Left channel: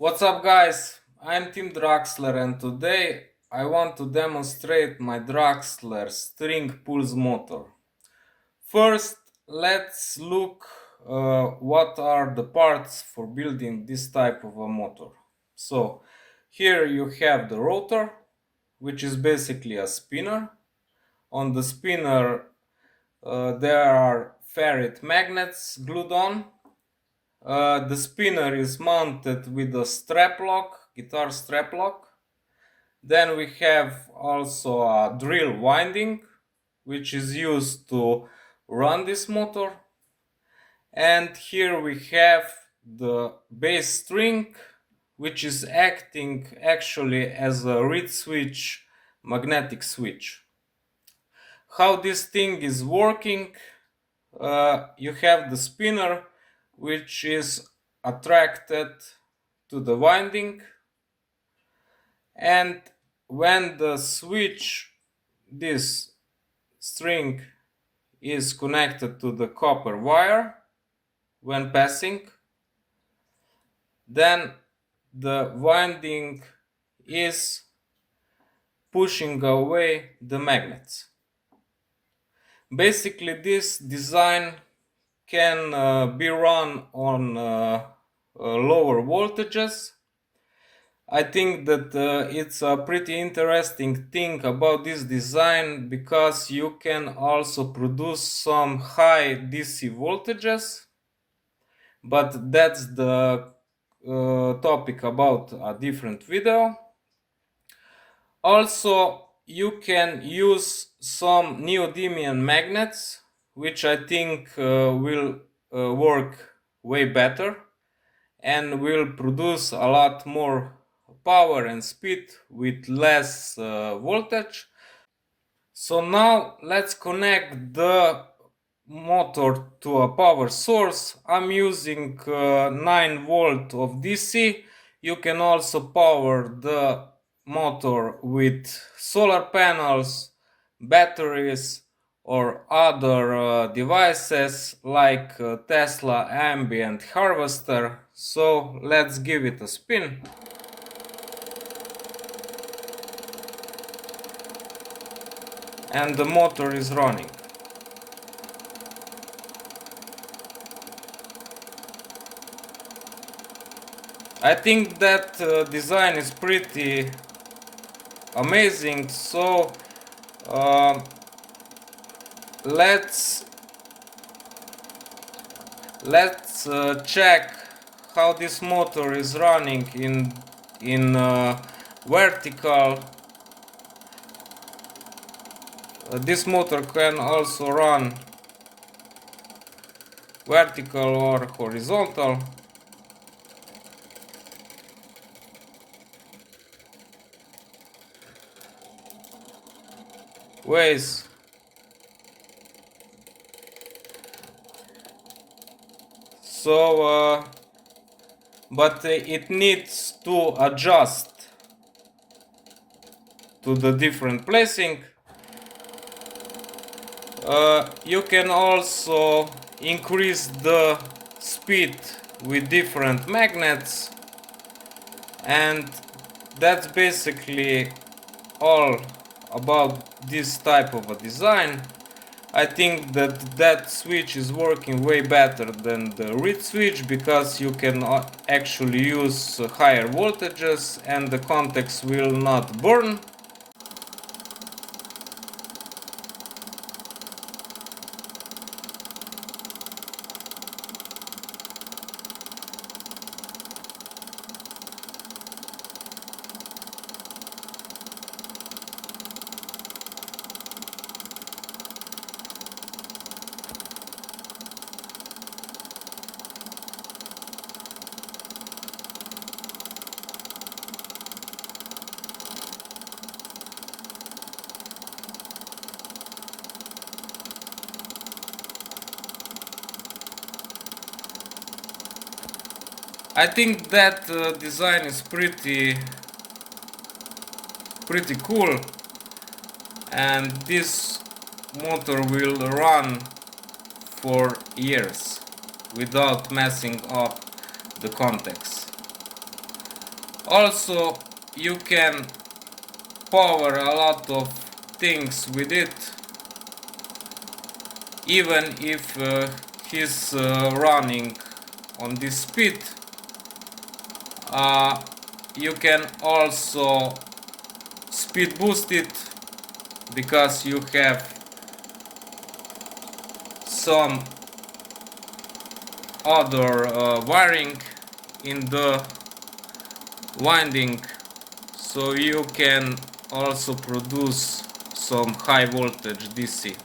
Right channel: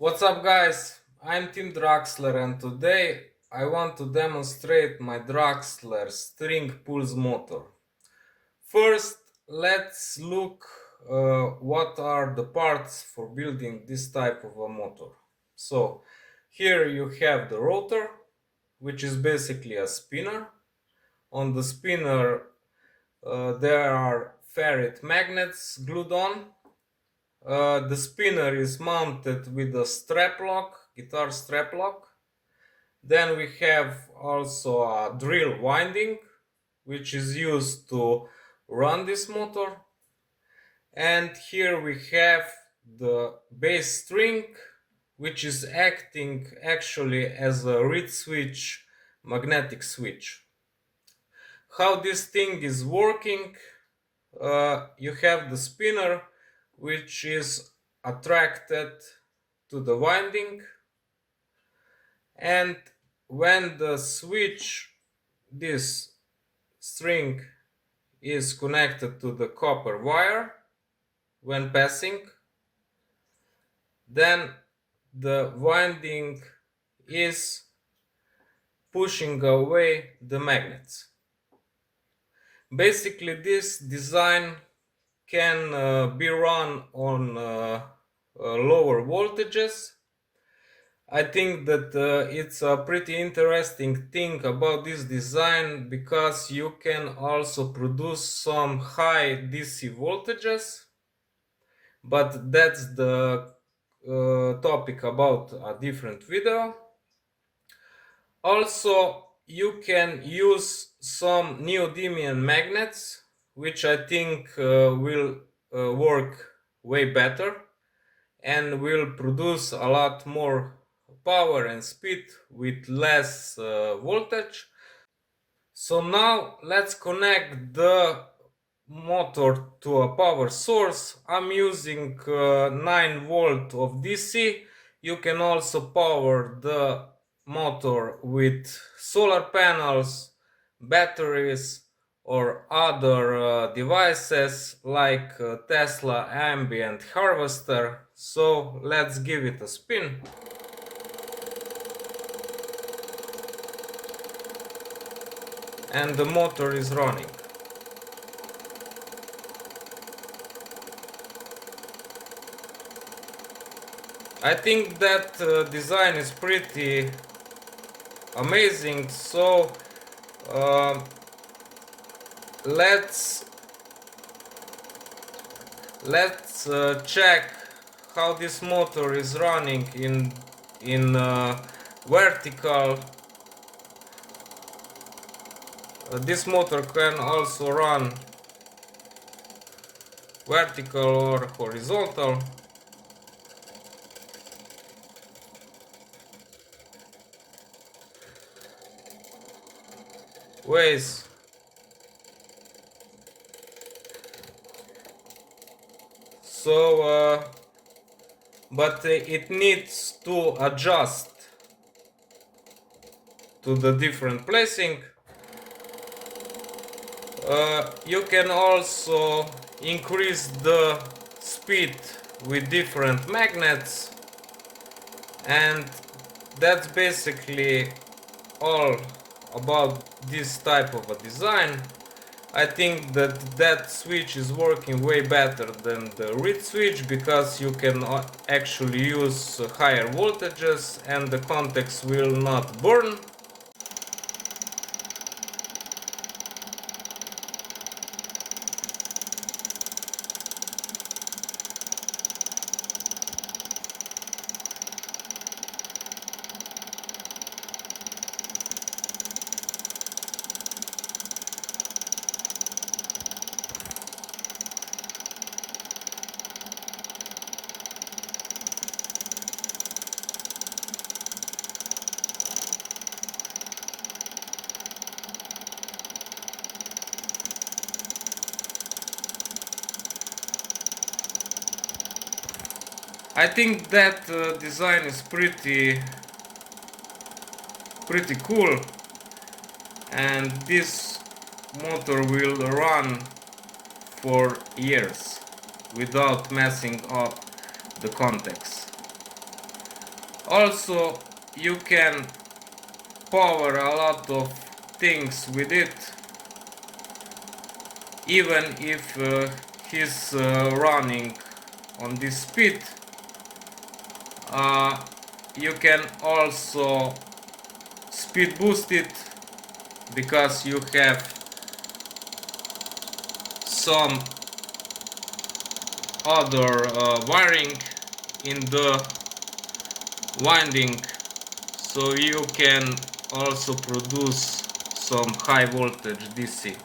What's up, guys? I'm Team Draksler, and today I want to demonstrate my Draksler string pulse motor. First, let's look what are the parts for building this type of a motor. So here you have the rotor, which is basically a spinner. On the spinner there are ferrite magnets glued on. The spinner is mounted with a strap lock, guitar strap lock. Then we have also a drill winding, which is used to run this motor. And here we have the bass string, which is acting actually as a reed switch, magnetic switch. How this thing is working, you have the spinner, which is attracted to the winding, and when the switch, this string, is connected to the copper wire when passing, then the winding is pushing away the magnets. Basically, this design can be run on lower voltages. I think that it's a pretty interesting thing about this design because you can also produce some high DC voltages, but that's the topic about a different video. Also, you can use some neodymium magnets, which I think will work way better and will produce a lot more power and speed with less voltage. So now let's connect the motor to a power source. I'm using 9 volt of DC. You can also power the motor with solar panels, batteries, or other devices like Tesla ambient harvester. So let's give it a spin. And the motor is running. I think that design is pretty amazing, so let's check how this motor is running in vertical. This motor can also run vertical or horizontal. Ways. So but it needs to adjust to the different placing. You can also increase the speed with different magnets, and that's basically all about this type of a design. I think that switch is working way better than the reed switch because you can actually use higher voltages and the contacts will not burn. I think that design is pretty cool, and this motor will run for years without messing up the contacts. Also, you can power a lot of things with it, even if he's running on this speed. You can also speed boost it, because you have some other wiring in the winding, so you can also produce some high voltage DC.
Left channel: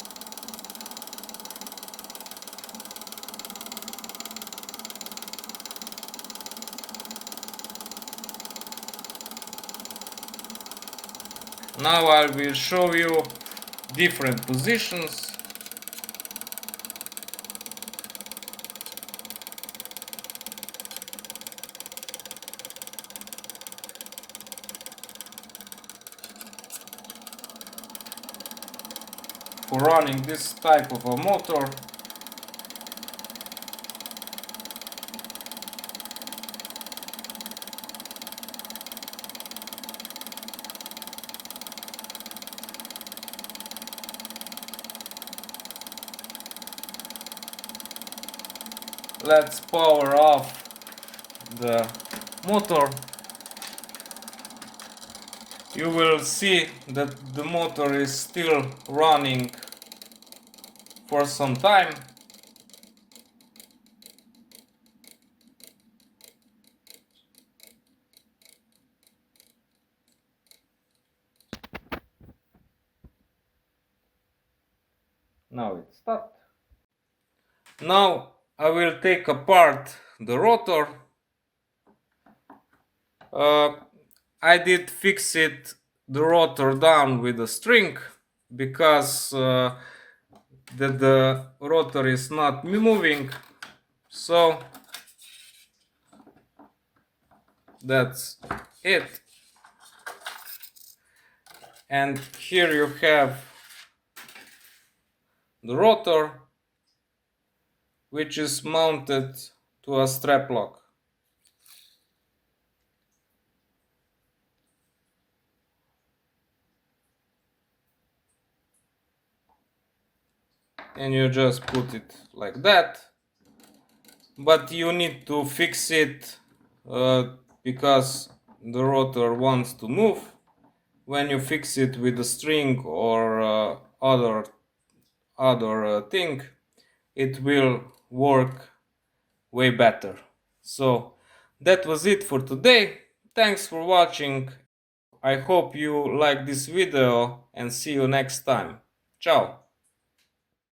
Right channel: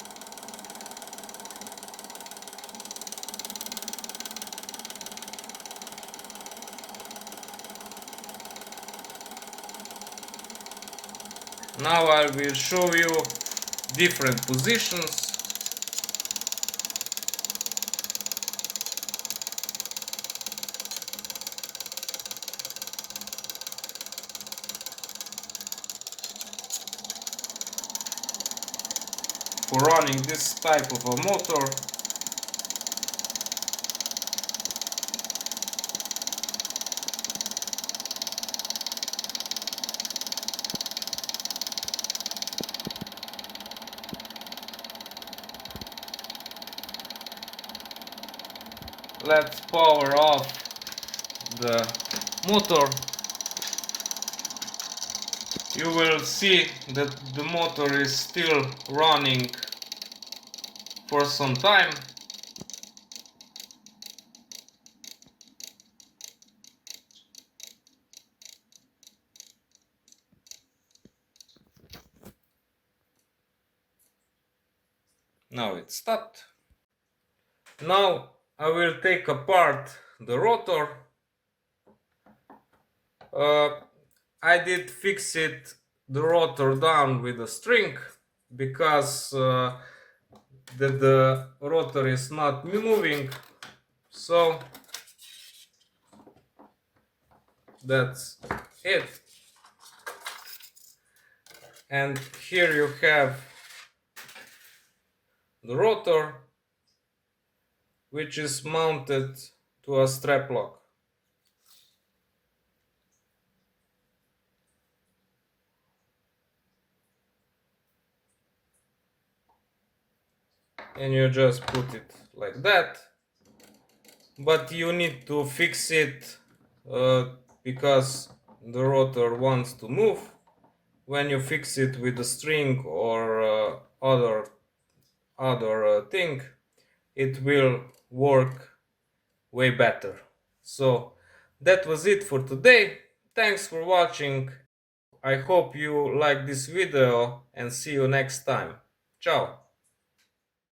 Now I will show you different positions. For running this type of a motor. Let's power off the motor. You will see that the motor is still running for some time. Now it stopped. Now I will take apart the rotor. I did fix the rotor down with a string, because the rotor is not moving. So that's it. And here you have the rotor, which is mounted to a strap lock. And you just put it like that. But you need to fix it because the rotor wants to move. When you fix it with a string or other thing, it will work way better. So that was it for today. Thanks for watching. I hope you like this video, and see you next time. Ciao.